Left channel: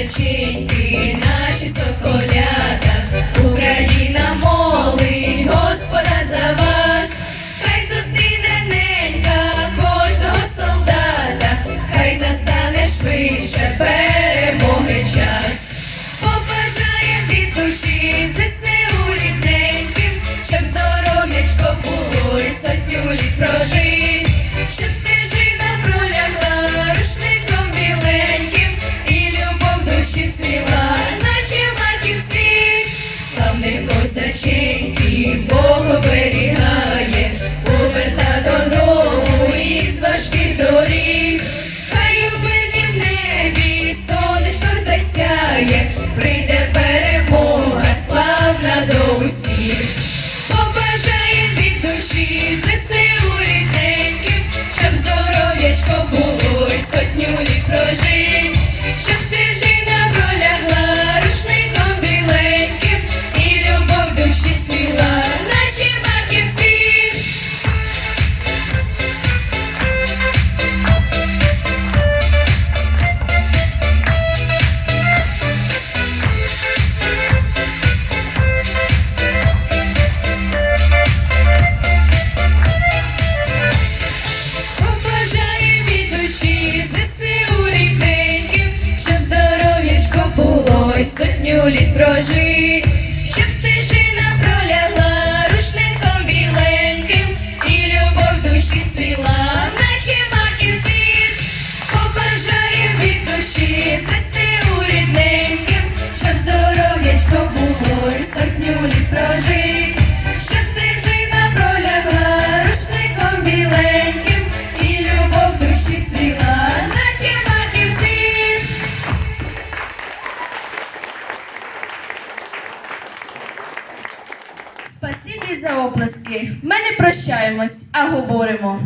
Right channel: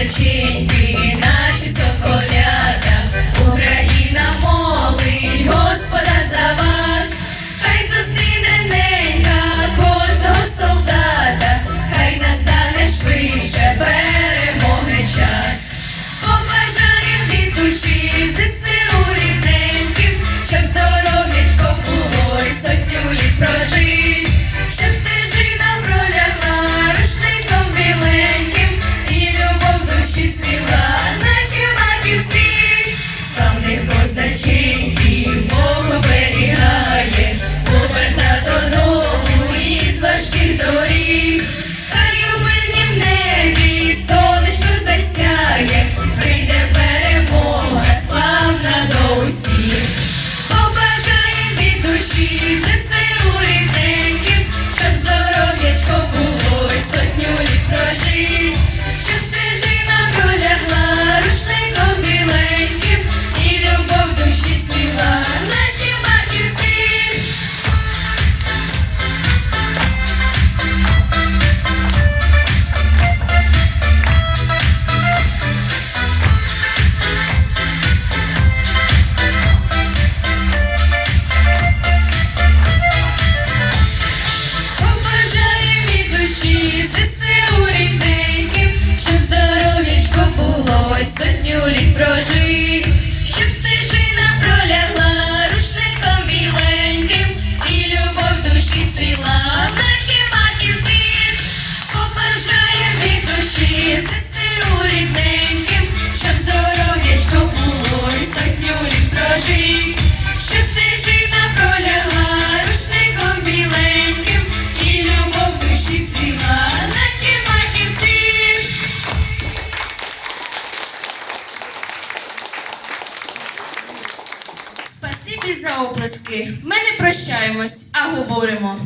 печеньки, наші соколята, Україна молить, Господа за вас, хай зустріне ненька кожного солдата, хай настане швидше перемоги час, побажає від душі. Спасибі за оплески. Ми не прощаємось, а говоримо.